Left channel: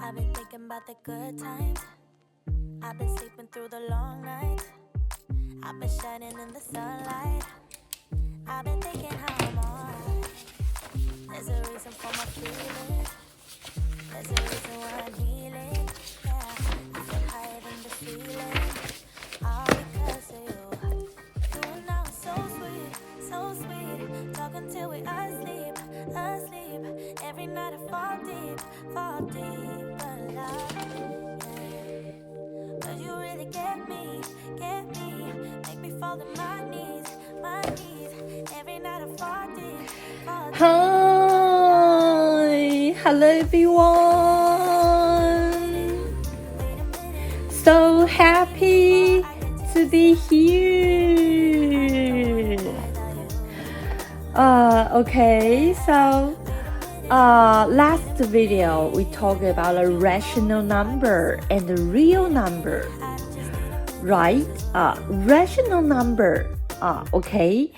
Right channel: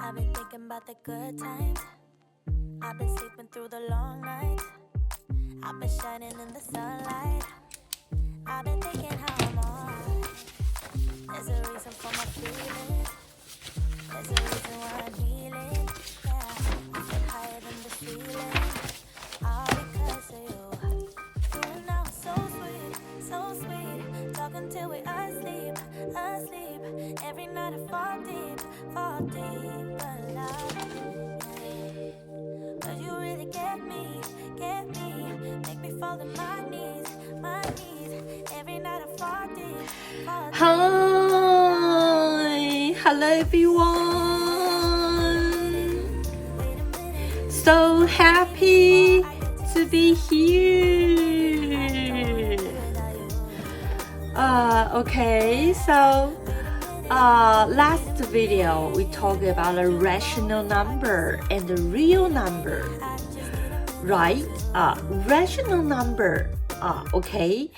I've been thinking about the good times. I've been sleeping through the long nights. I've been shining in the sunlight. I've been thinking how I'm alright. There's a reason for my feelings. There's a reason why I'm healing. Yeah, I feel higher than the ceiling. All because of you. You and I were so sweet, so sweet. Talking till we asleep, asleep. Every night I fall deep in love. Yeah. 'Cause you really get me. Make me fall to my knees. Every night I fall deep. Hi, hello everyone. So happy to be here. Okay, so last video we talked about a rational number and a real number, right? Rational number. Okay.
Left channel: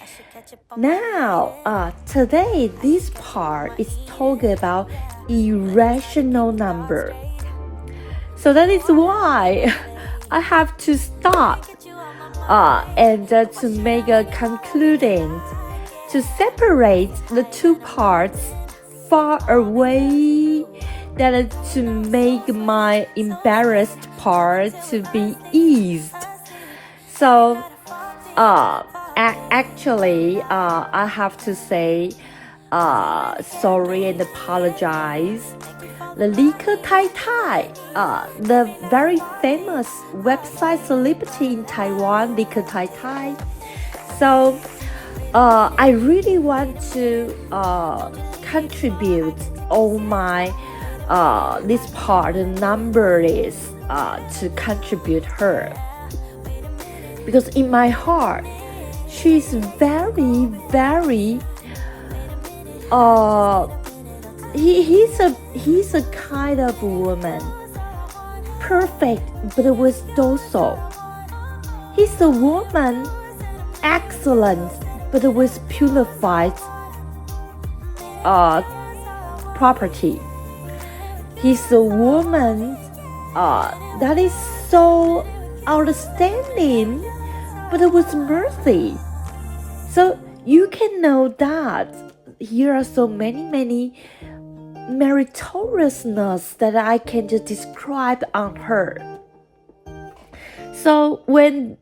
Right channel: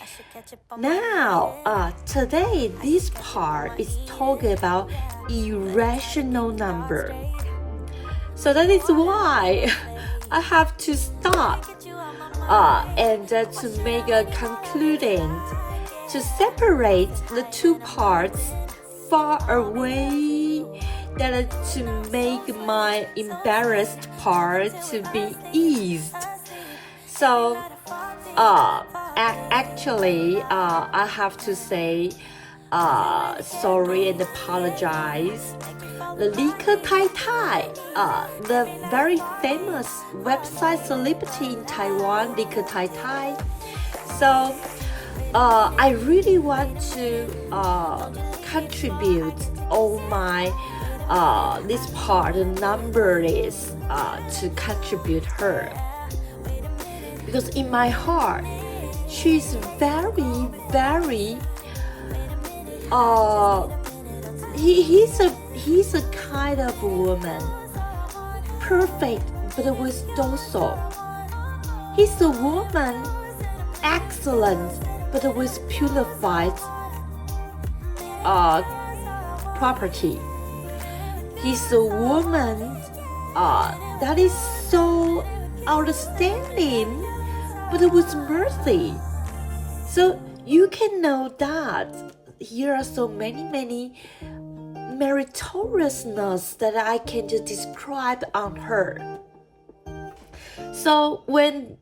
Now, today this part is talking about irrational number. So that is why I have to stop and to make a conclusion to separate the two parts far away, that is to make my embarrassed part to be eased. So, actually, I have to say sorry and apologize. The 理科太太, the very famous website celebrity in Taiwan, 理科太太. So, I really want to contribute all my this part, the number is to contribute her. Because in my heart, she's very, very he's a kind of woman, perfect but with also. He's a woman, excellent but with purified property. He's a woman that is so outstanding but with mercy. So you can know that here are so many meritoriousness that I can just describe on her. So when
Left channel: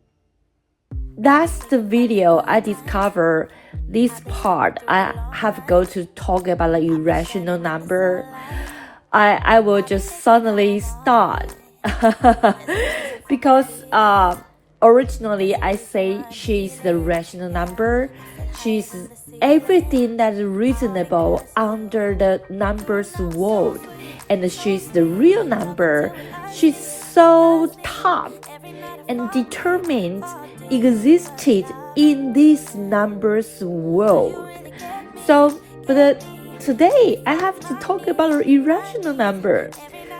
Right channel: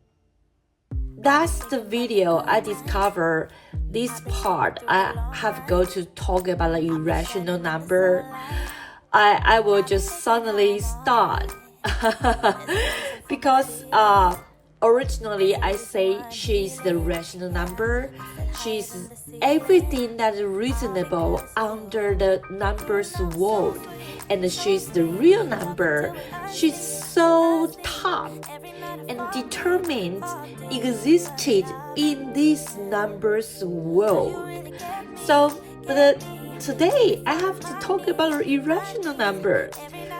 that's the video I discover this part, I have go to talk about the irrational number. I will just suddenly start because originally I say she's the rational number. She's everything that is reasonable under the numbers world, and she's the real number. She's so tough and determined existed in this numbers world. So, but today I have to talk about an irrational number.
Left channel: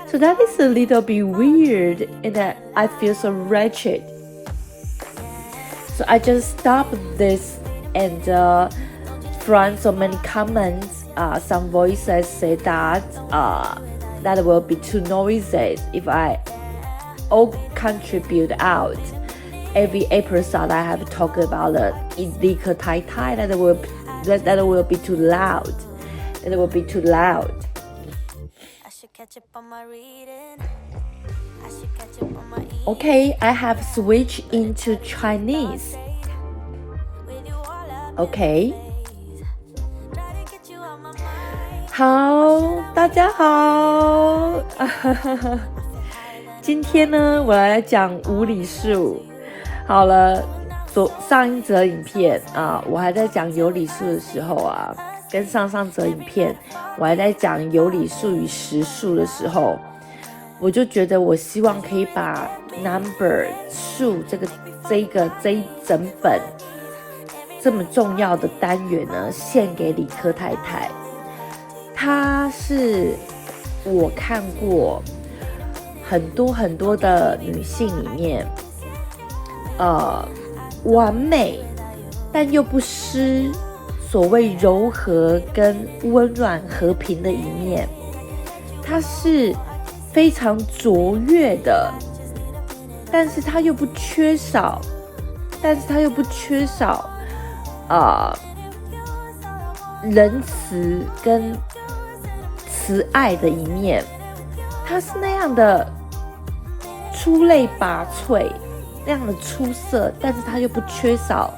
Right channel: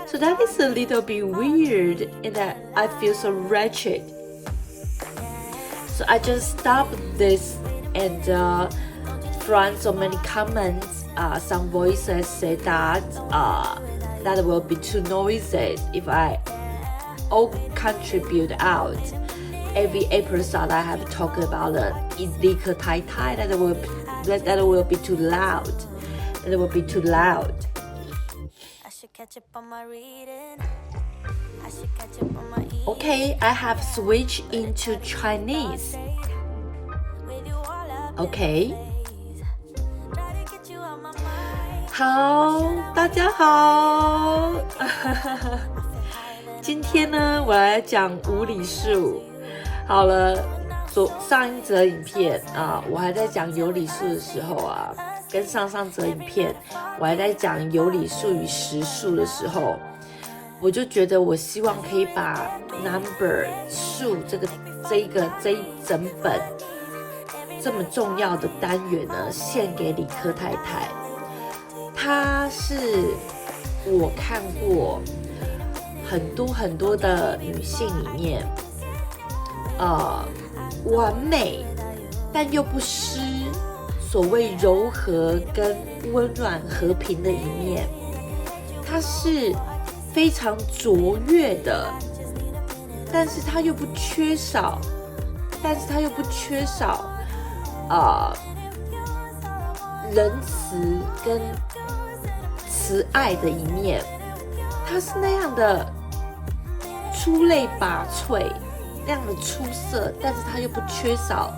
So that is a little bit weird, and I feel so wretched. So I just stopped this, and from so many comments, some voices say that that will be too noisy if I all contribute out. Every episode I have to talk about in 理科太太, that will be too loud. That will be too loud. Okay, I have switched into Chinese. Okay. 好，大家好。今天呢，我来讲无理数。好了，上一则影片我还在讲有理数的时候跟上则影片我还在讲有理数与实数的时候，我就觉得我希望可以把 number 数这一整本这么重要的单元呢，献给理科太太。她是我看过很多的女性里面完美但又不失所谓柔和跟温暖和平的一面。她是非常卓越的，但是它又不缺少仁慈跟慈爱的一面。它是那样的出类拔萃，那样的出色，但是它又不缺少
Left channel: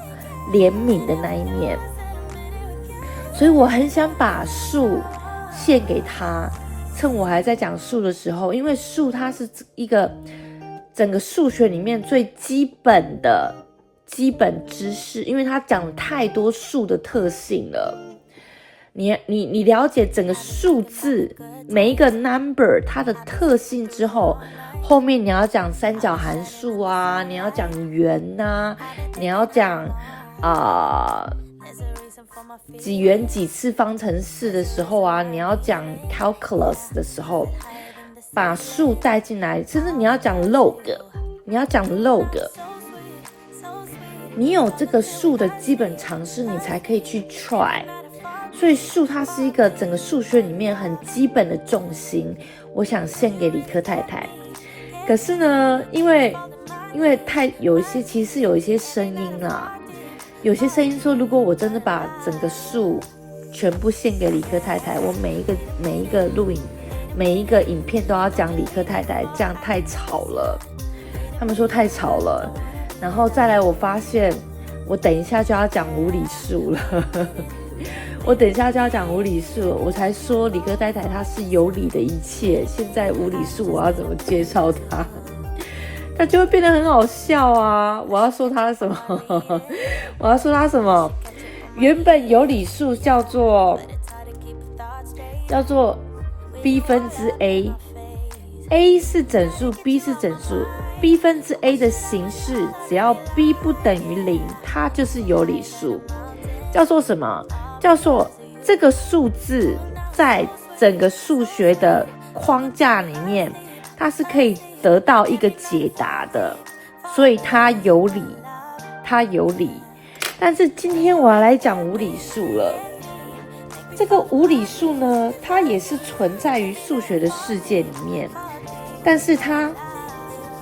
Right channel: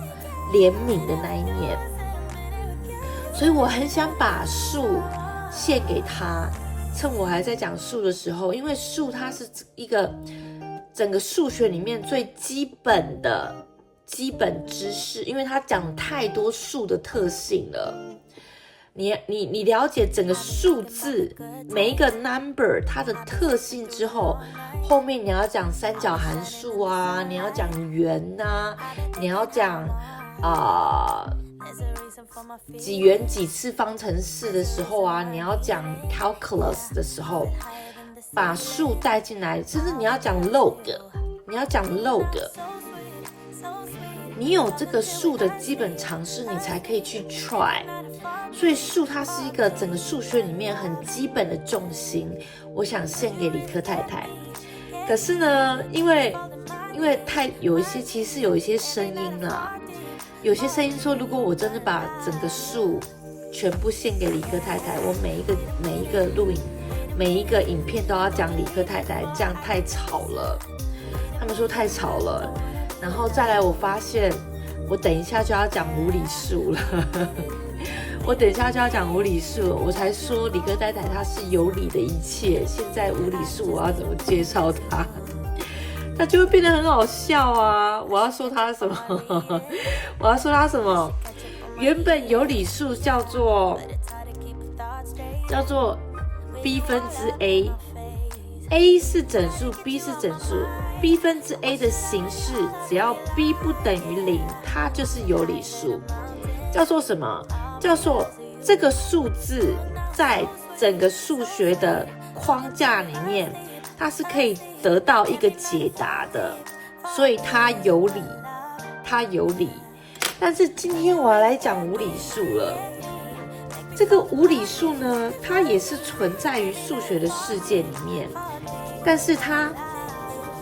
怜悯的那一面。所以我很想把树献给他，趁我还在讲树的时候，因为树它是一个整个数学里面最基本知识，因为它讲了太多数的特性了。你了解整个数字每一个 number 它的特性之后，后面你要讲三角函数啊，你要讲圆啊，你要讲几元几次方程式的时候啊，你要讲 calculus 的时候，把数带进来，甚至你要讲 log， 你有这个数的基本常识，你才可以去 try。所以数它是一个整个数学里面很基本的重心，我想献给理科太太。可是呢，因为其实有一些声音啊，有些声音说，如果我真的把整个数全部献给理科太太，我每一个录影每一个影片都要讲理科太太，这样太吵了。他们说太吵了，然后再来我发现我等一下就要讲无理数了我才说理科太太她是有理的一切，现在无理数我要怎么介绍她？她就会变得很好笑啊！我要说她什么？原本有理数叫做 b 分之 a 是整数 b 是整数 b 分之 a 的形式，只要 b 不等于0，它就是有理数。叫做什么？叫做这个数字在整个数学的框架里面，它是可以得到一个解答的，所以它有理。但是今天我要来讲无理数了。这个无理数呢，它也是存在于数学的世界里面，但是它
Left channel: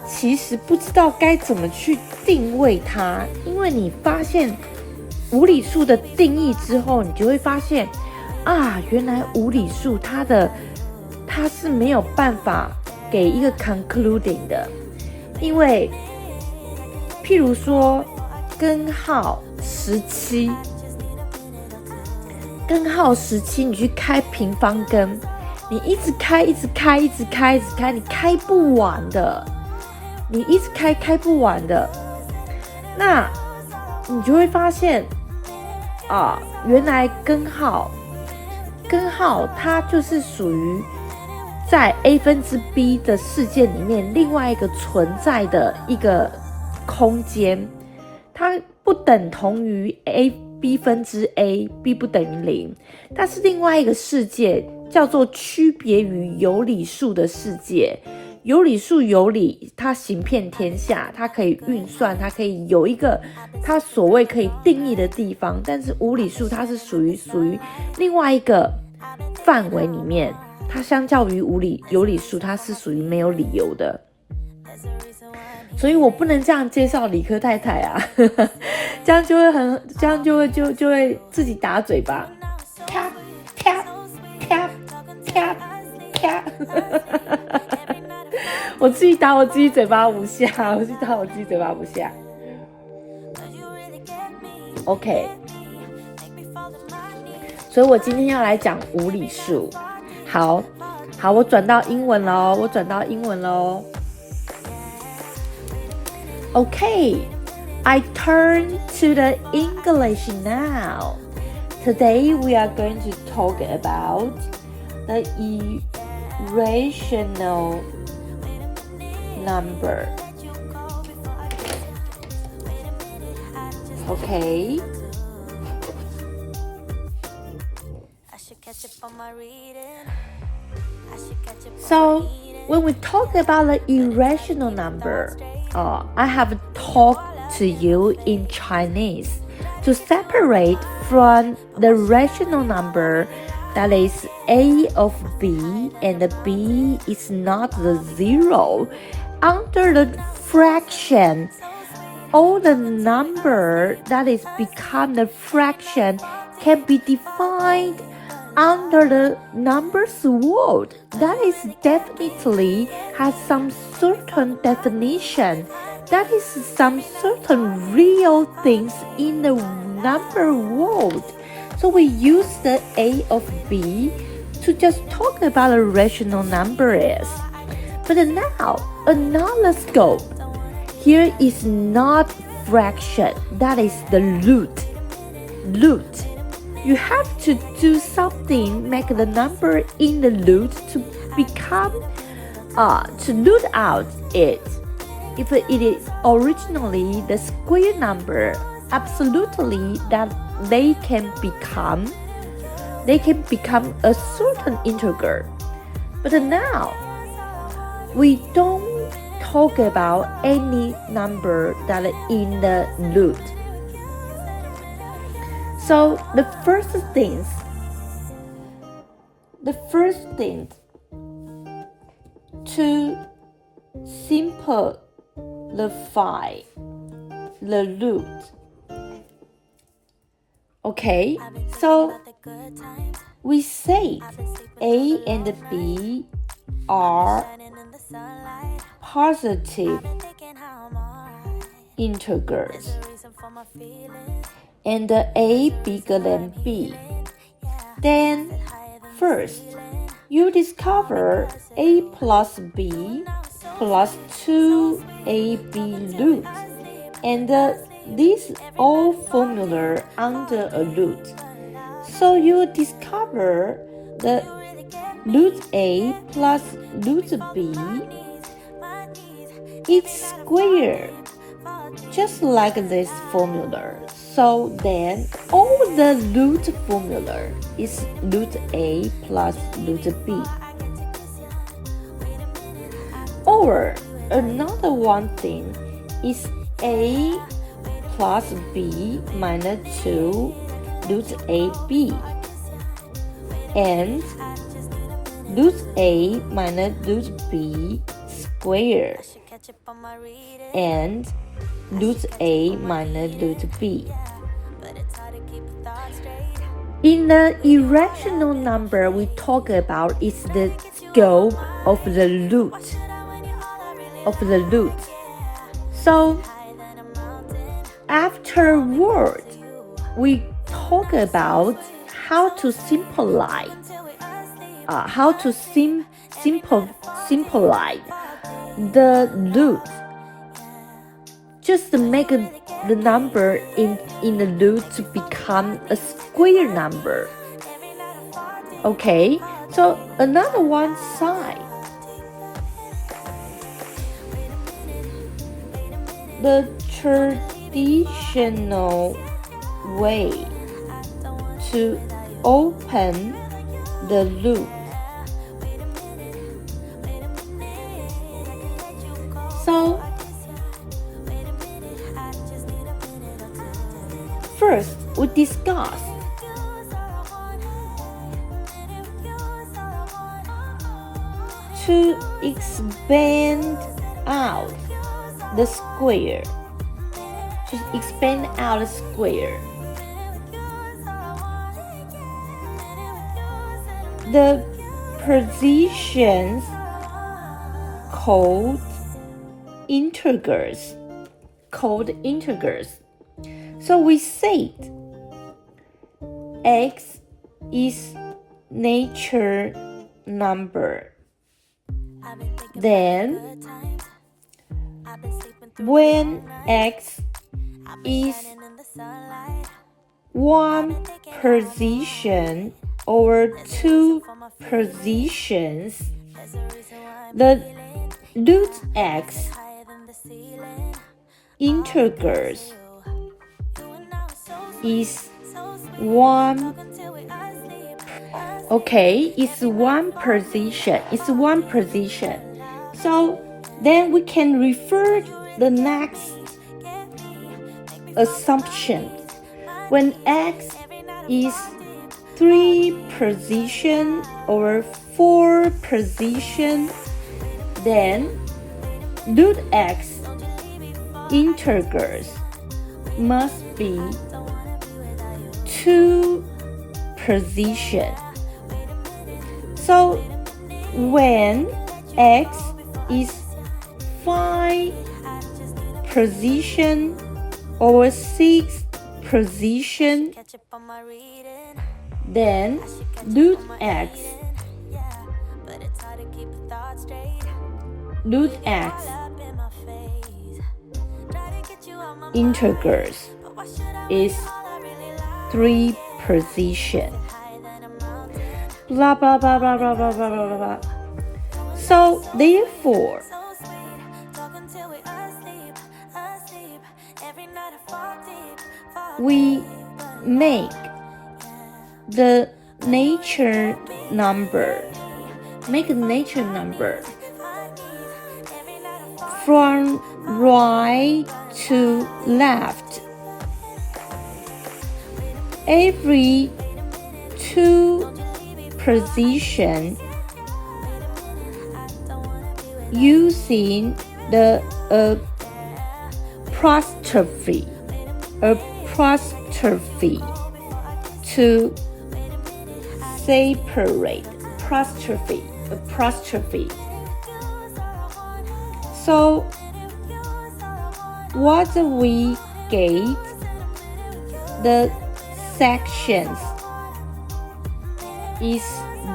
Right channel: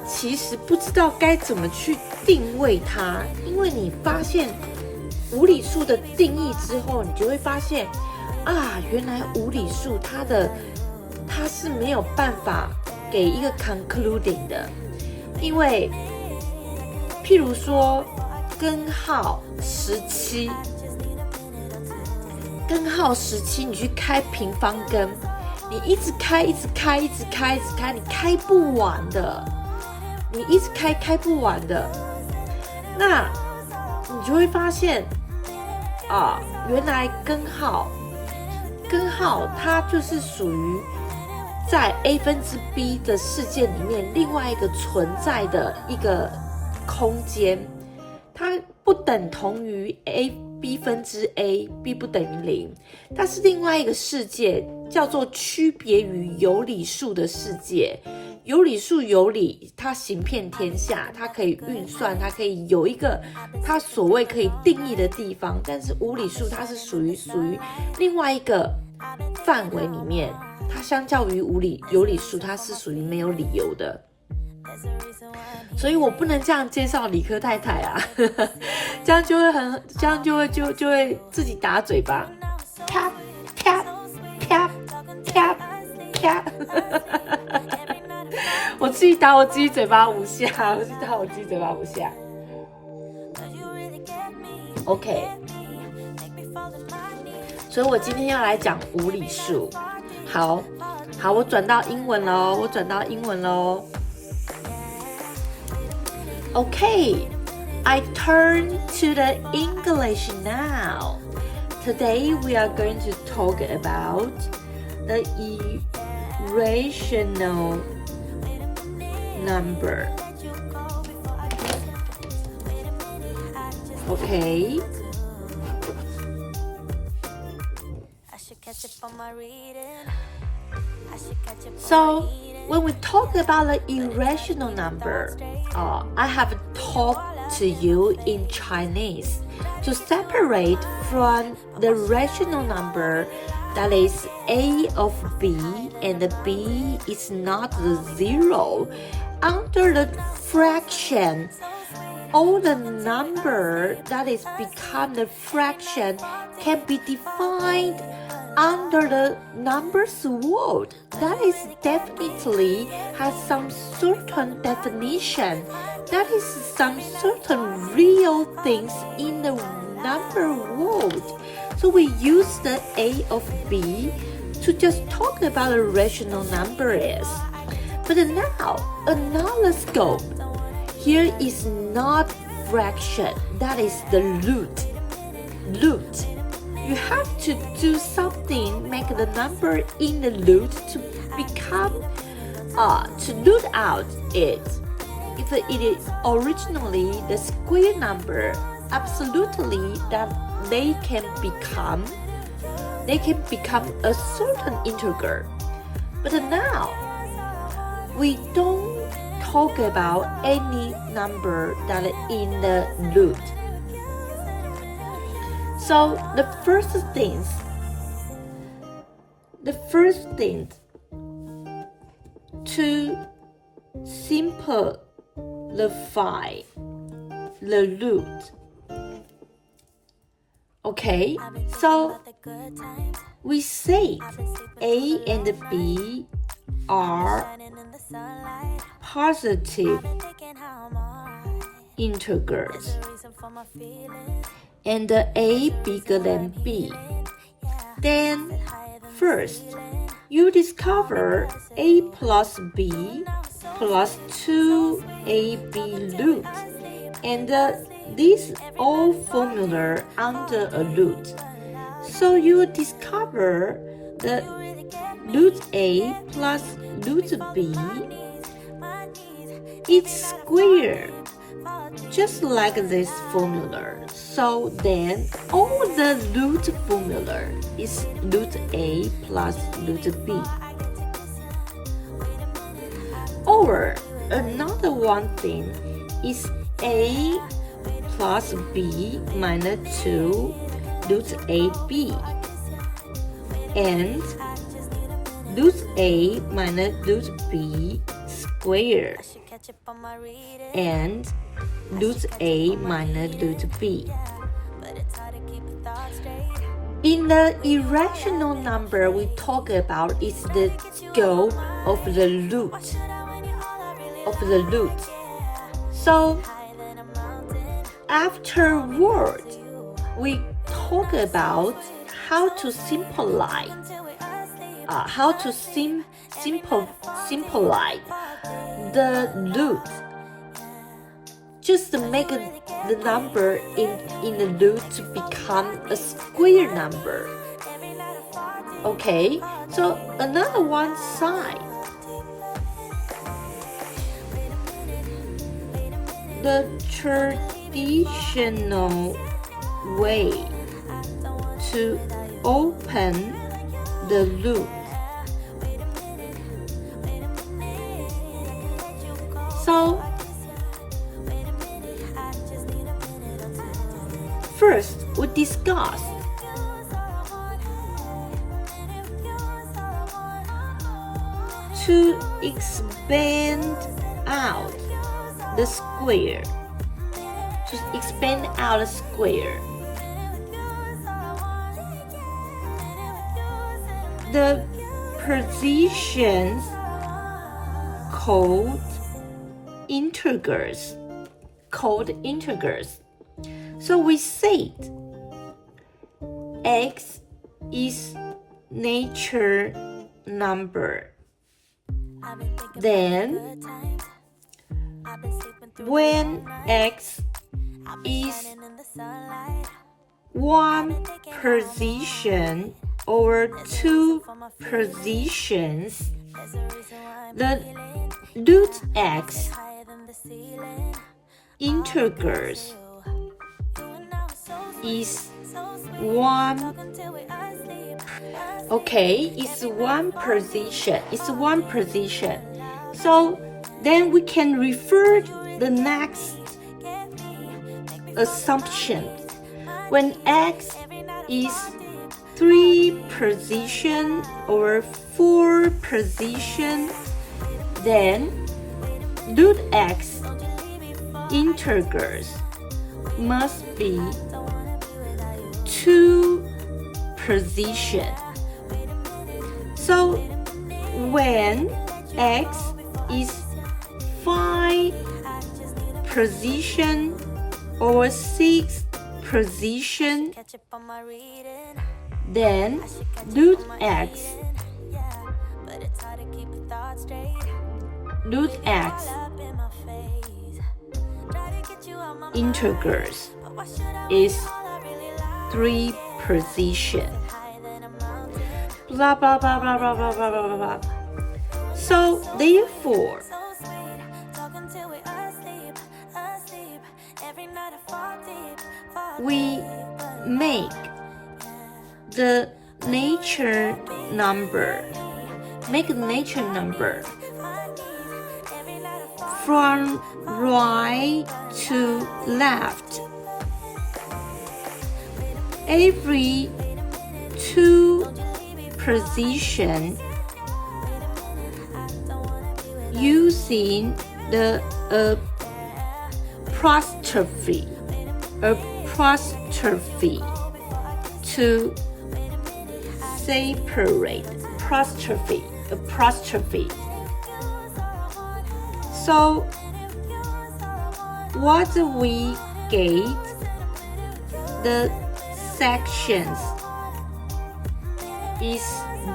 其实不知道该怎么去定位它，因为你发现无理数的定义之后，你就会发现啊，原来无理数它是没有办法给一个 concluding 的，因为譬如说根号17，你去开平方根，你一直开，你开不完的，你一直开不完的，那你就会发现原来根号它就是属于在 a 分之 b 的事件里面另外一个存在的一个空间，它不等同于 b 分之 a，b 不等于0，它是另外一个世界，叫做区别于有理数的世界。有理数有理，它行遍天下，它可以运算，它可以有一个它所谓可以定义的地方，但是无理数它是属于另外一个范围里面，它相较于有理数，它是属于没有理由的。所以我不能这样介绍理科太太啊这样就会自己打嘴巴，啪啪啪啪啪我自己打我自己嘴巴5下OK， 所以我今天要来讲无理数。好，我转到英文喽。Okay, I turn to the English now. Today we are going to talk about the irrational number. Okay. So, when we talk about the irrational number, I have talked to you in Chinese to separate from the rational number that is a of b, and b is not the zero. Under the fraction, all the number that is become the fraction can be defined under the numbers world. That is definitely has some certain definition. That is some certain real things in the number world. So we use the a of b to just talk about a rational number is. But now, another scope. Here is not fraction, that is the root. You have to do something, make the number in the root to become, to root out it. If it is originally the square number, absolutely that they can become a certain integer. But now, we don't talk about any number that is in the root. So the first thing to simplify the root. Okay, so we say a and b are positive integers, and a bigger than b. Then first, you discover a plus b plus 2ab root, and these all formula under a root. So you discover the root a plus root b is square, just like this formula. So then all the root formula is root a plus root b. Or another one thing is a plus b minus 2 root ab, and root a minus root b squared, and root a minus root b. In the irrational number we talk about is the scope of the root. So afterward, we talk about how to simplify the root. Just to make the number in the root to become a square number. Okay, so another one side. The traditional way to open the root. So first, we discuss to expand out the square. The positions called integers. So we said x is natural number. Then when x is one position or two positions, the root x integers is one. Okay, it's one position. So then we can refer the next assumption. When x is 3 position or 4 position, then root x integers must be 2 position. So when x is 5 position or 6 position, then root x integers is 3 position. Blah blah blah blah blah blah blah blah blah. So therefore, we make the nature number from right to left. Every 2 position using the apostrophe to separate apostrophe. So what we get, the sections is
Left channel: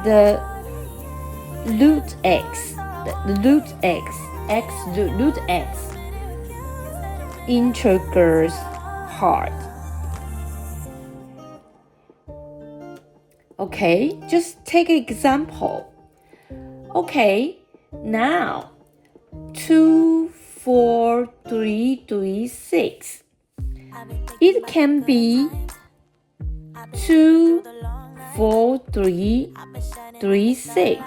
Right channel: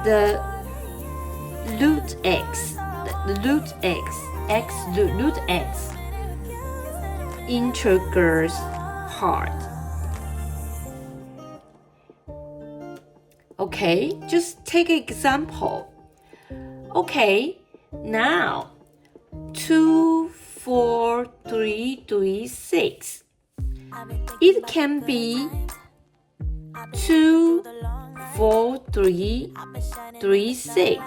the root x integers part. Okay, just take an example. Okay, now 2, 4, 3, 3, 6. It can be 2, 4, 3, 3, 6.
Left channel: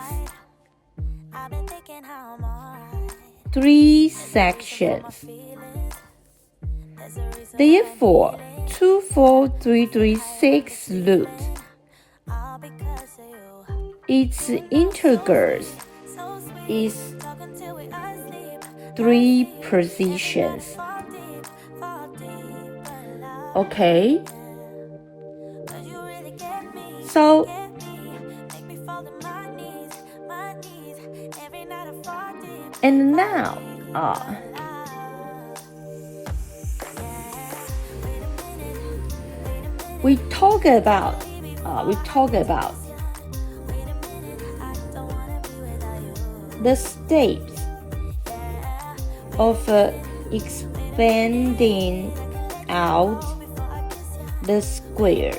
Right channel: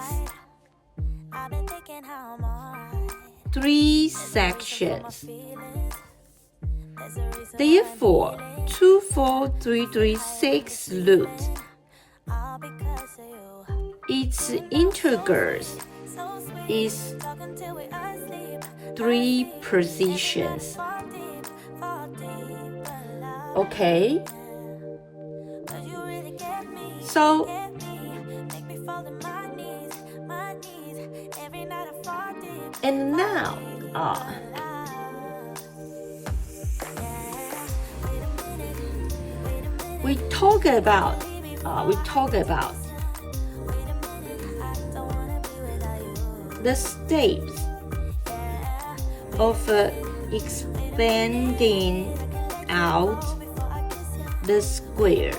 3 sections. Therefore, 2, 4, 3, 3, 6 root. Its integers is 3 positions. Okay? So, and now, we talk about the steps of expanding out the square.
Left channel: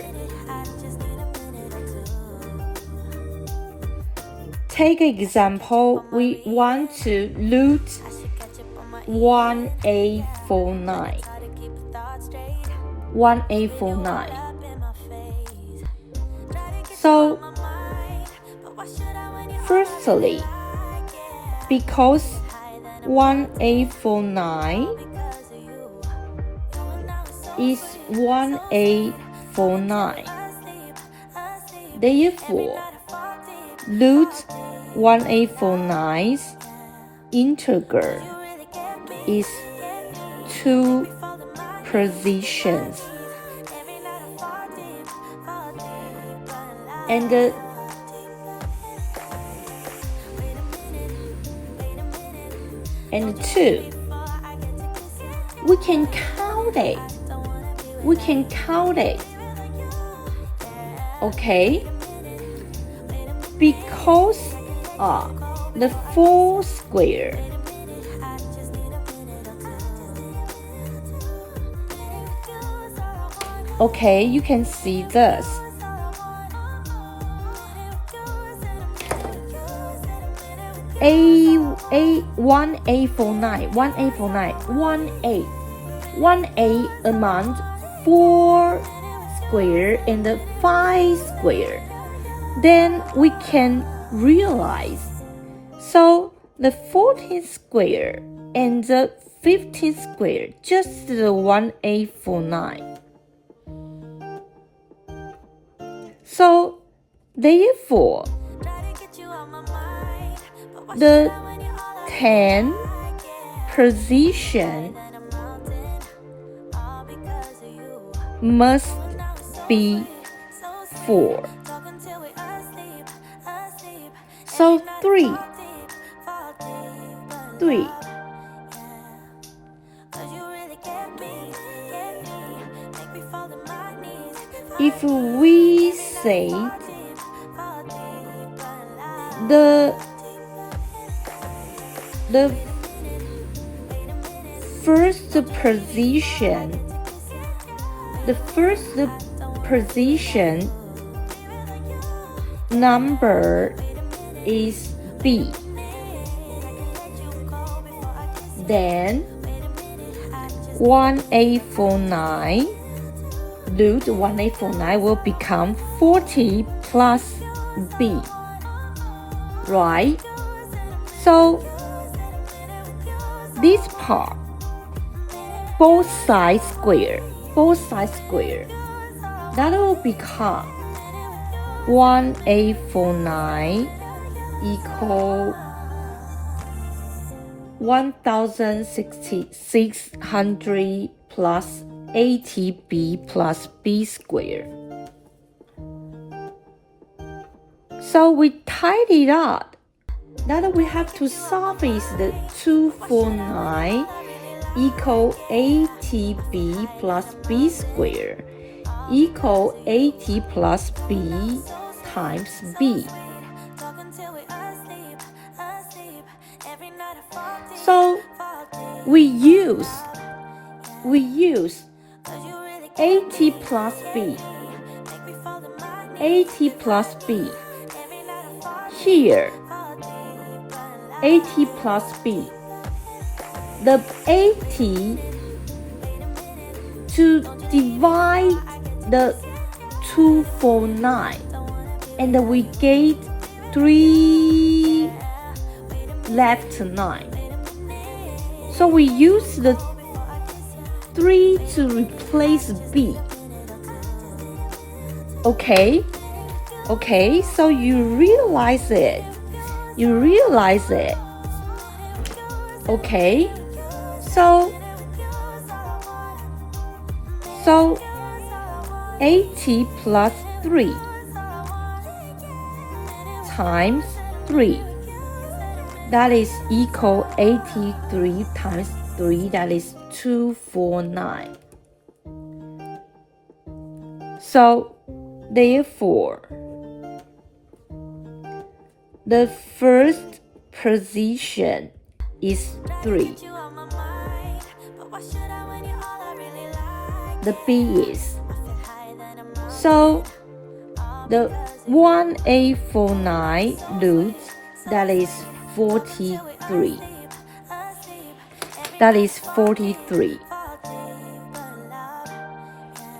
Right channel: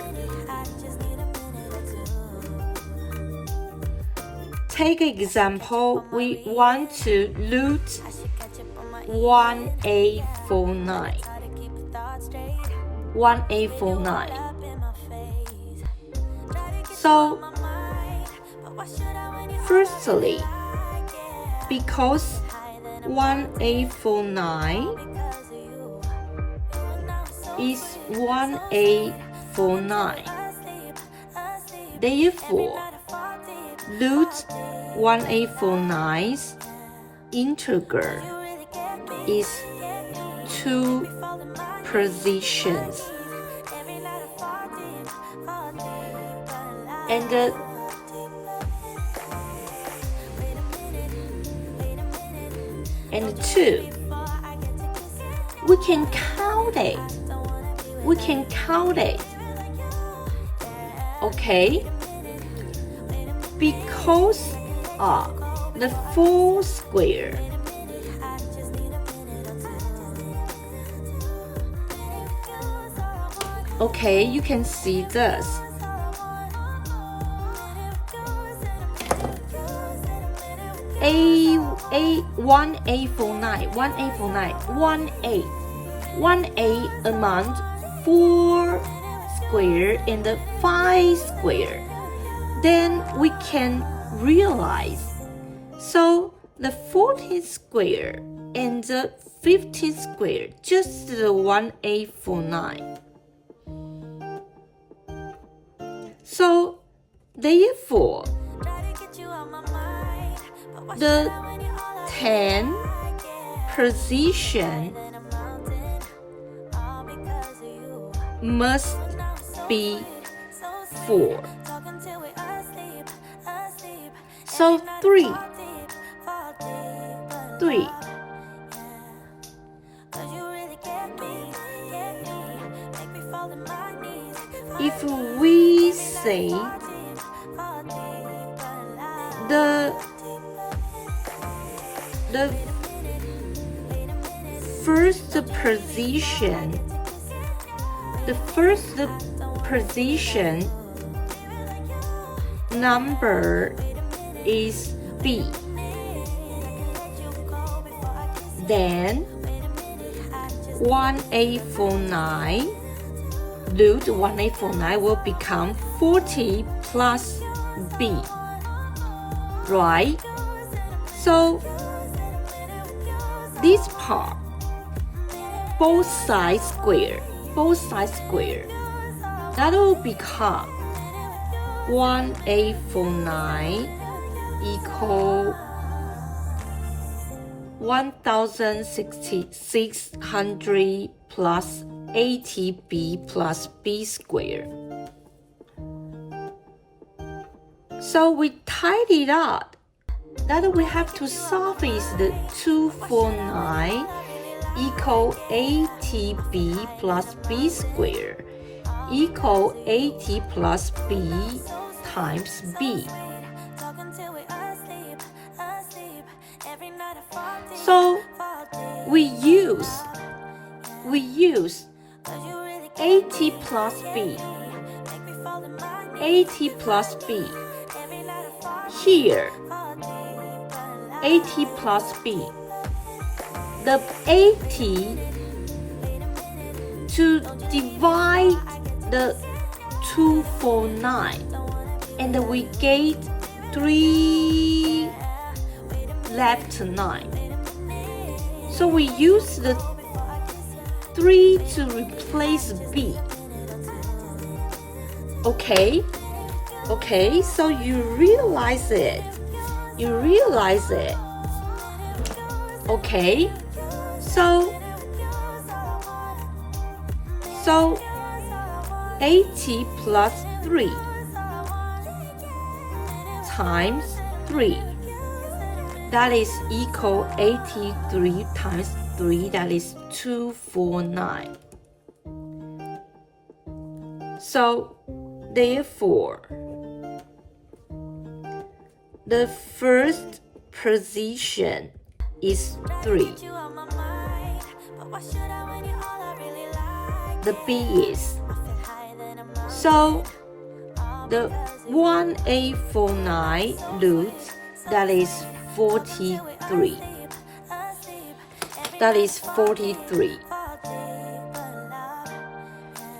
Take example, we want to root 1849. 1849. So, firstly, because 1849 is 1849, therefore, root 1849's integer is 2 positions. And 2, we can count it. Okay? Because the 4 square okay, you can see this. One A 1A among 4 square and 5 square. Then we can realize. So the 14 square and the 15 square, just the 1A49. So, therefore, the 10th position must be 4. So 3. If we say the first position number is B, then 1849 root 1849 will become 40 plus B, right? So this part, both sides square, that will become 1849 equal 1600 plus 80b plus b squared. So we tied it up. That we have to solve is the 249 equal 80b plus b squared equal 80 plus b times b. So we use 80 plus b, 80 plus b. Here, 80 plus b. The 80 to divide the 249, and we get 3 left to 9. So we use the 3 to replace b. Okay, so you realize it. Okay, so 80 plus 3 times 3, that is equal 83 times 3, that is 249. So therefore, the first position is 3. The B is. So the 1849 roots, that is 43. That is 43.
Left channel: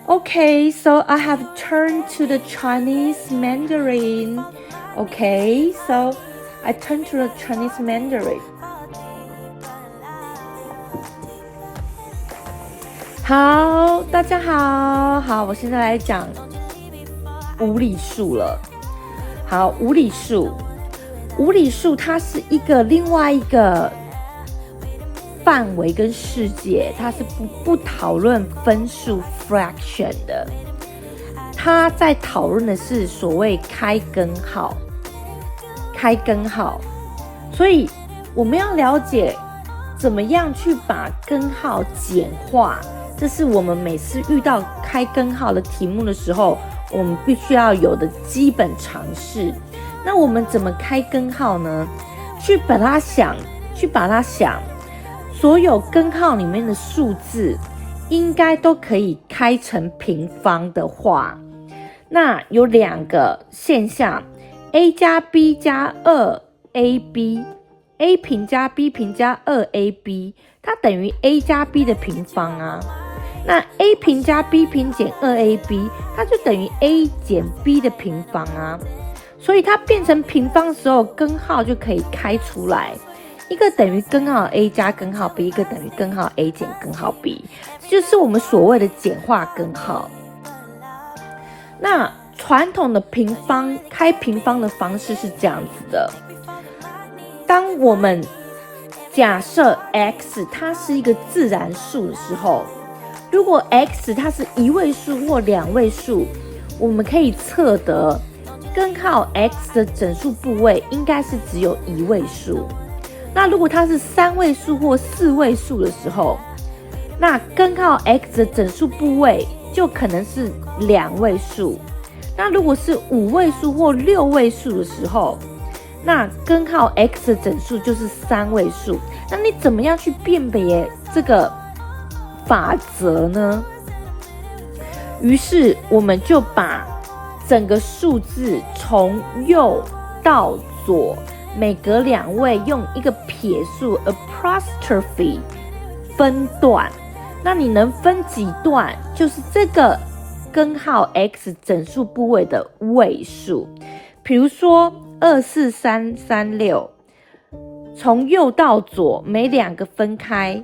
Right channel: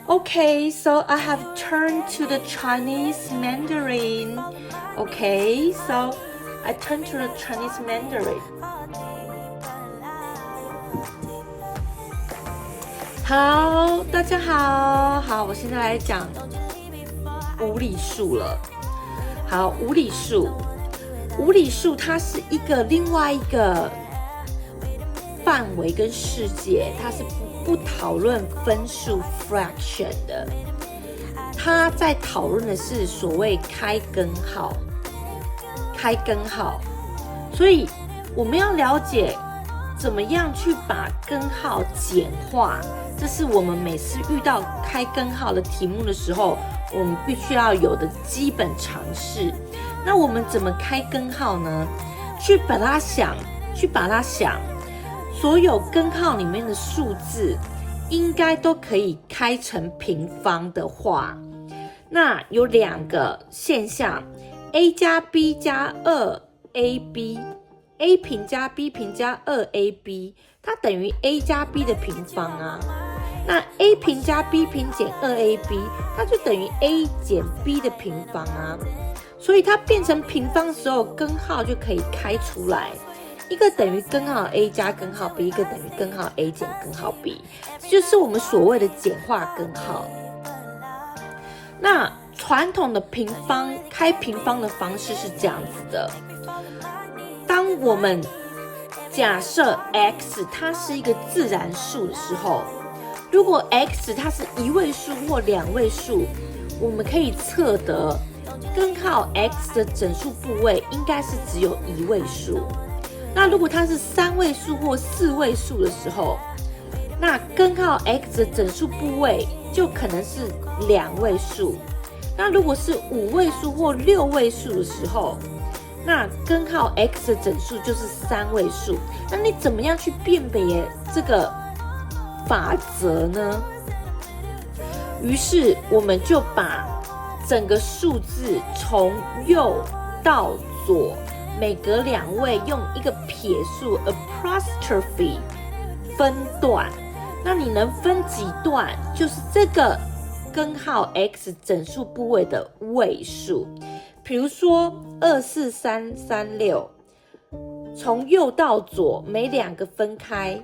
Okay, so I have turned to the Chinese Mandarin. Okay, so I turn to the Chinese Mandarin. 好，大家好，我现在来讲无理数了。好，无理数它是另外一个范围跟世界，它是不讨论分数 fraction 的，它在讨论的是所谓开根号，所以我们要了解怎么样去把根号简化，这是我们每次遇到开根号的题目的时候，我们必须要有的基本常识。那我们怎么开根号呢？去把它想，所有根号里面的数字应该都可以开成平方的话，那有两个现象 A 加 B 加 2AB，A 平加 B 平加 2AB， 它等于 A 加 B 的平方啊。那 A 平加 B 平减 2AB， 它就等于 A 减 B 的平方啊。所以它变成平方的时候，根号就可以开出来，一个等于根号 A 加根号 B， 一个等于根号 A 减根号 B， 就是我们所谓的简化根号。那传统的开平方的方式是这样子的，当我们假设 x 它是一个自然数的时候，如果 x 它是1位数或2位数，我们可以测得根号 x 的整数部位应该是只有1位数。那如果它是3位数或4位数的时候，那根号 x 的整数部位就可能是2位数。那如果是5位数或6位数的时候，那根号 x 的整数就是3位数。那你怎么样去辨别这个法则呢？于是我们就把整个数字从右到左每隔2位用一个撇数 apostrophe 分段。那你能分几段，就是这个根号 x 整数部位的位数。比如说24336，从右到左每2个分开，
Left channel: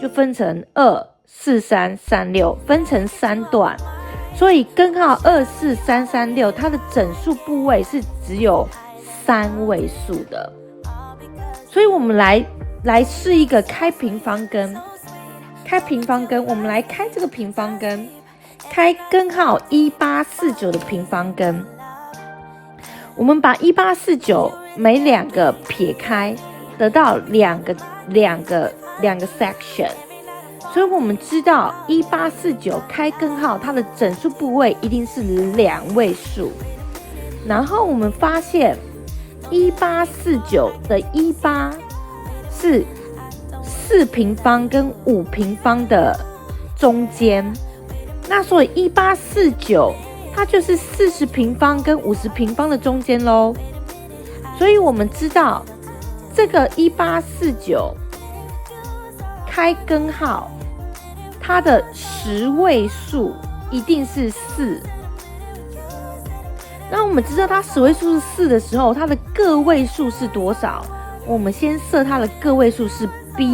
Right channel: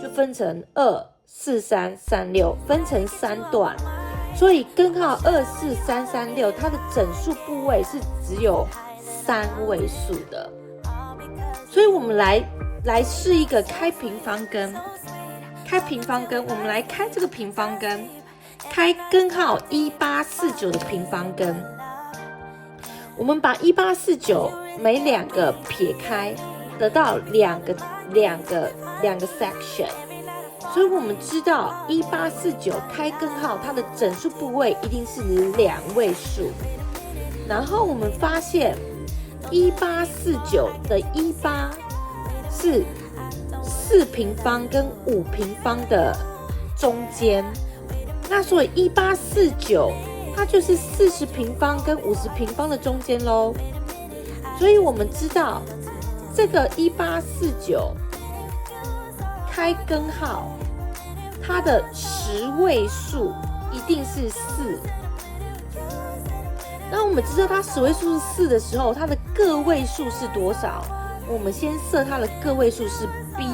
就分成24336，分成3段。所以根号24336，它的整数部位是只有3位数的。所以我们来试一个开平方根。我们来开这个平方根，开根号1849的平方根。我们把1849每2个撇开，得到两个 section。所以我们知道1849开根号，它的整数部位一定是2位数。然后我们发现1849的18是4平方跟5平方的中间，那所以1849它就是40平方跟50平方的中间咯。所以我们知道这个1849开根号，它的10位数一定是4。那我们知道它10位数是4的时候，它的个位数是多少？我们先设它的个位数是 B。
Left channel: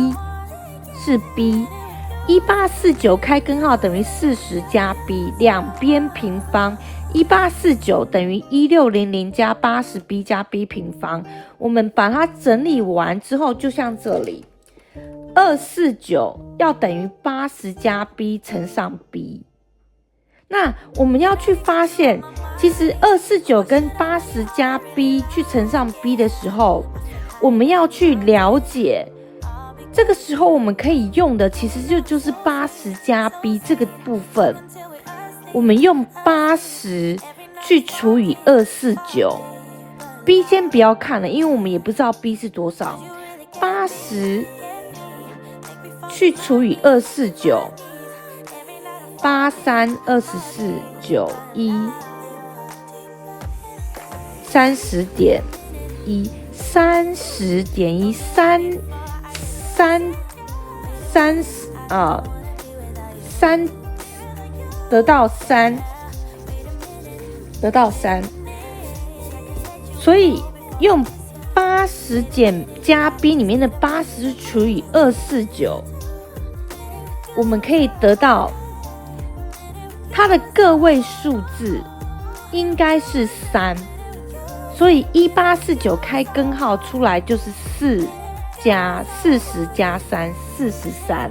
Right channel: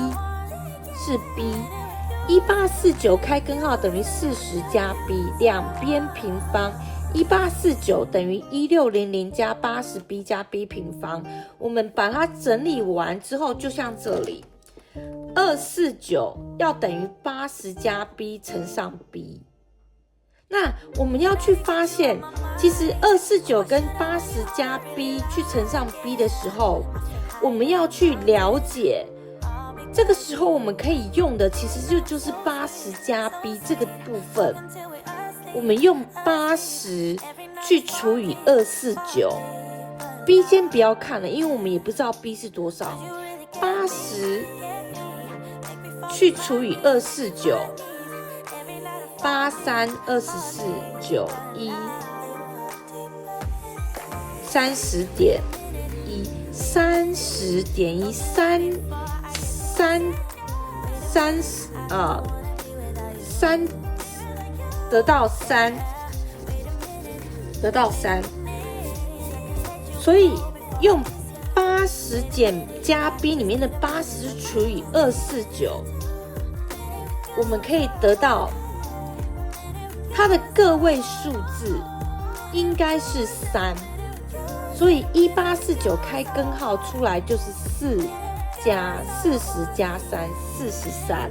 1849开根号等于40加 B， 两边平方。1849等于1600加80B 加 B 平方。我们把它整理完之后，就像这里，249要等于80加 B 乘上 B。那我们要去发现，其实249跟80加 B 去乘上 B 的时候，我们要去了解，这个时候我们可以用的其实就是80加 B 这个部分。我们用80去除以249， B 先不要看了，因为我们也不知道 B 是多少。80去除以249， 83、24、91， 30.1， 30.1， 3得到3，所以用80减加 B 里面的80除以249，我们可以得到它的个位数字应该是3，所以1849开根号出来就是40加3， 43，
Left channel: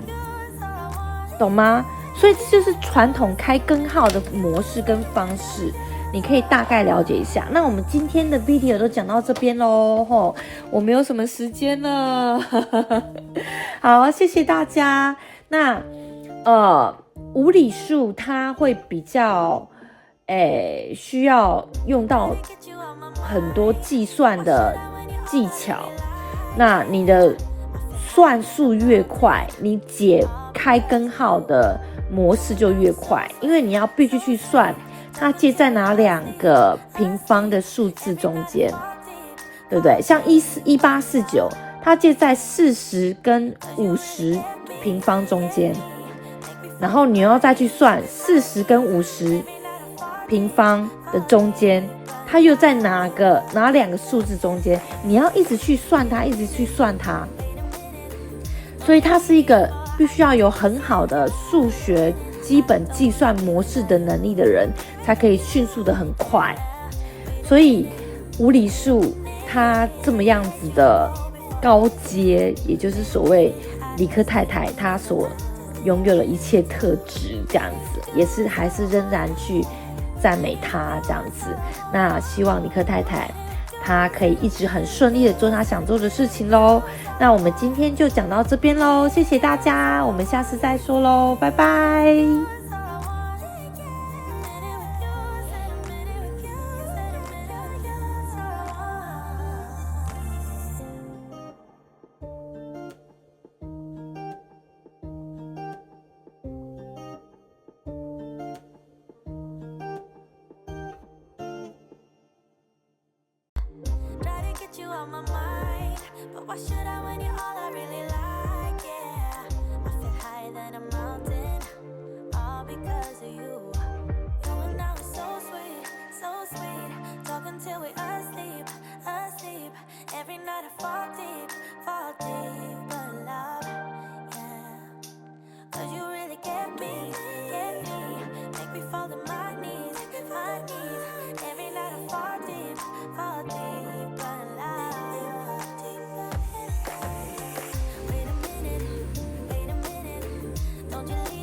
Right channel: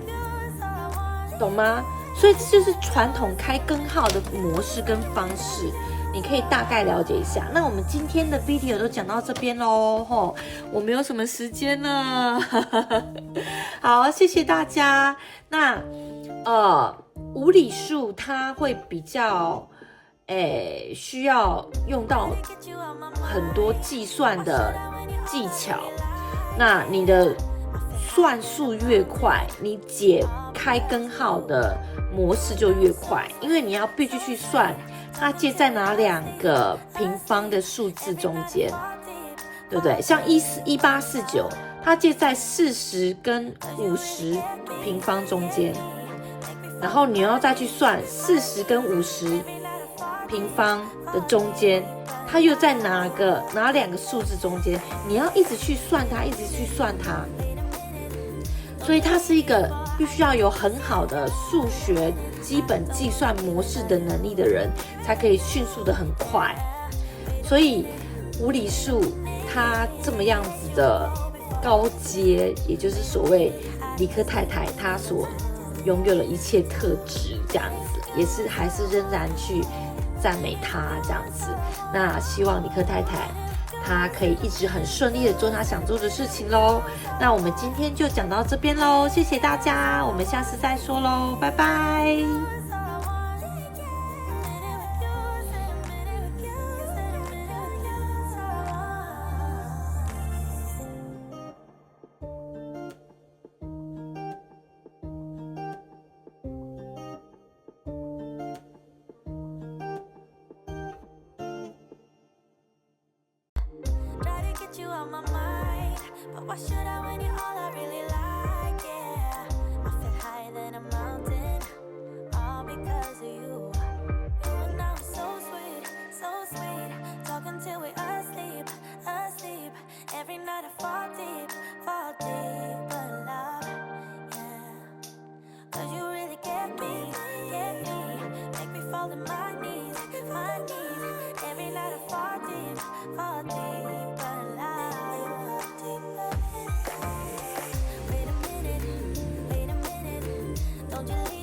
懂吗？所以这就是传统开根号的模式跟方式，你可以大概了解一下。那我们今天的 video 都讲到这边咯，我没有什么时间了好，谢谢大家。那无理数它会比较需要用到很多计算的技巧，那你的算数越快，你解开根号的模式就越快，因为你要必须去算它介在哪2个平方的数字中间，对不对？像1849，它介在40跟50平方中间，然后你要再去算40跟50平方的中间，它又在哪2个数字中间，你要一直去算它，一直去算它。所以它是一个必须要有很好的数学基本计算模式的能力的人，它可以迅速的很快。所以无理数它这么样子的高阶，也就是所谓理科太太她所拥有的一切特质，这样子也是还是仍然去赞美她这样子。那希望理科太太她可以一直很顺利的做她想做的事情咯。那我们今天就讲到这边咯，谢谢大家，我们下次再说咯，拜拜。You on my mind, but why should I when you're all I really like? Yeah, I feel higher than a mountain, all because of you. You and I were so sweet, talking till we asleep. Every night I fall deep, but love, yeah. 'Cause you really get me, make me fall to my knees. Every night I fall deep, but love. Wait a minute, don't you leave